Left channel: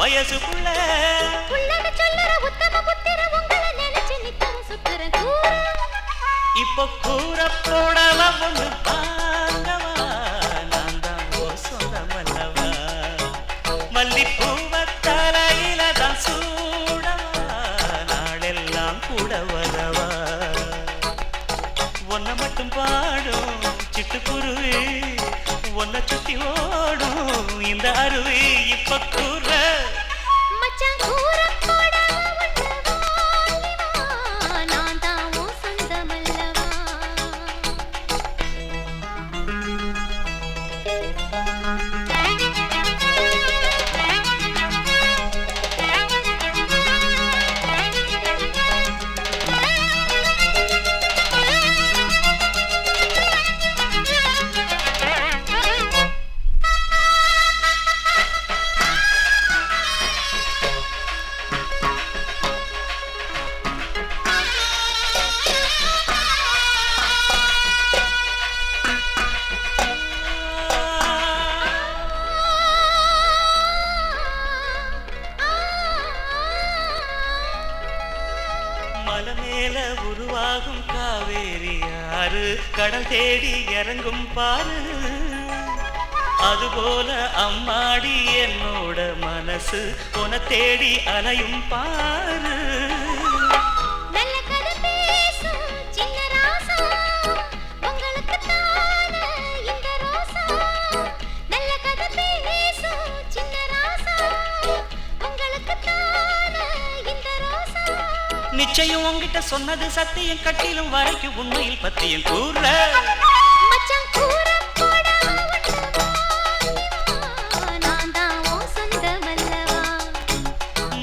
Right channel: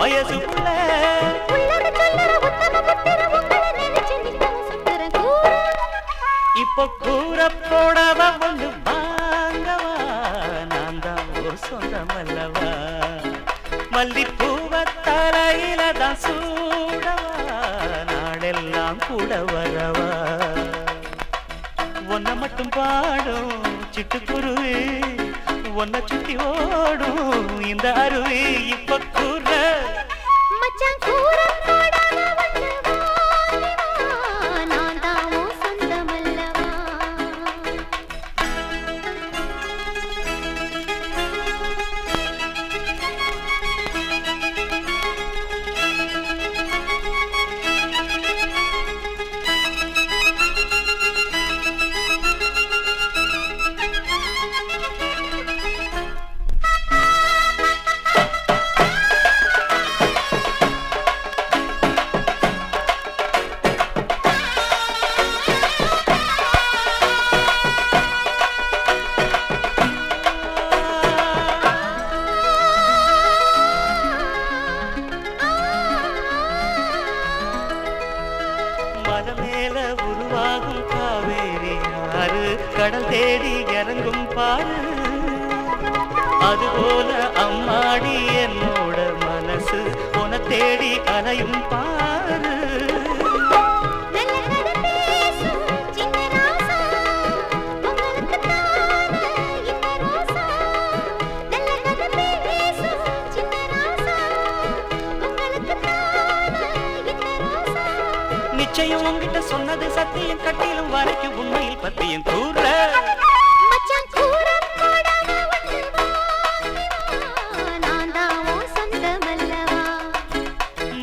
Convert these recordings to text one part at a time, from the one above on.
வயசுக்குள்ள இப்ப கூற போடவ ஒண்ணு வாங்கவா நான் தான் ஓ சொந்தமல்லவா மல்லிப்பூவ தலையில தான் சூடவா நாளெல்லாம் கூட வரவா ஒன்ன மட்டும் பாடும் சிட்டுக்குருவி ஒன்ன சுத்தி ஓடும் இந்த அருவி இப்ப கூற மச்சான் கூற மலை மேல உருவாகும் காவேரி ஆறு கடல் தேடி இறங்கும் பாரு அதுபோல அம்மாடி என்னோட மனசு உன தேடி அலையும் பாரு நிச்சயம் உங்ககிட்ட சொன்னது சத்தியம் கட்டிலும் வரைக்கும் உண்மையில் பத்தியும் கூற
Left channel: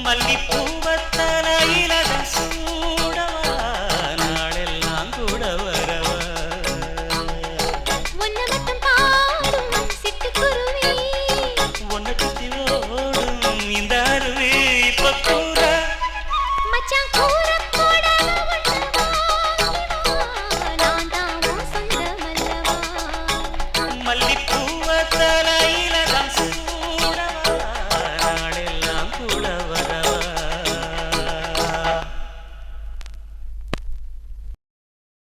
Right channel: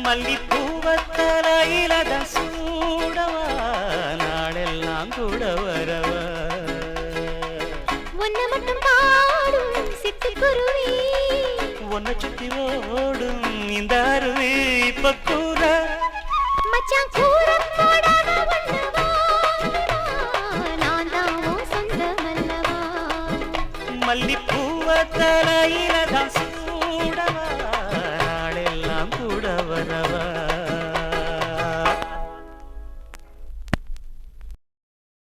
மல்லிப்பூவ தலையில சூடவா நாளெல்லாம் கூட வரவா ஒன்ன சுத்தி ஓடும் இந்த அருவி இப்ப கூற மல்லிப்பூவ தலையில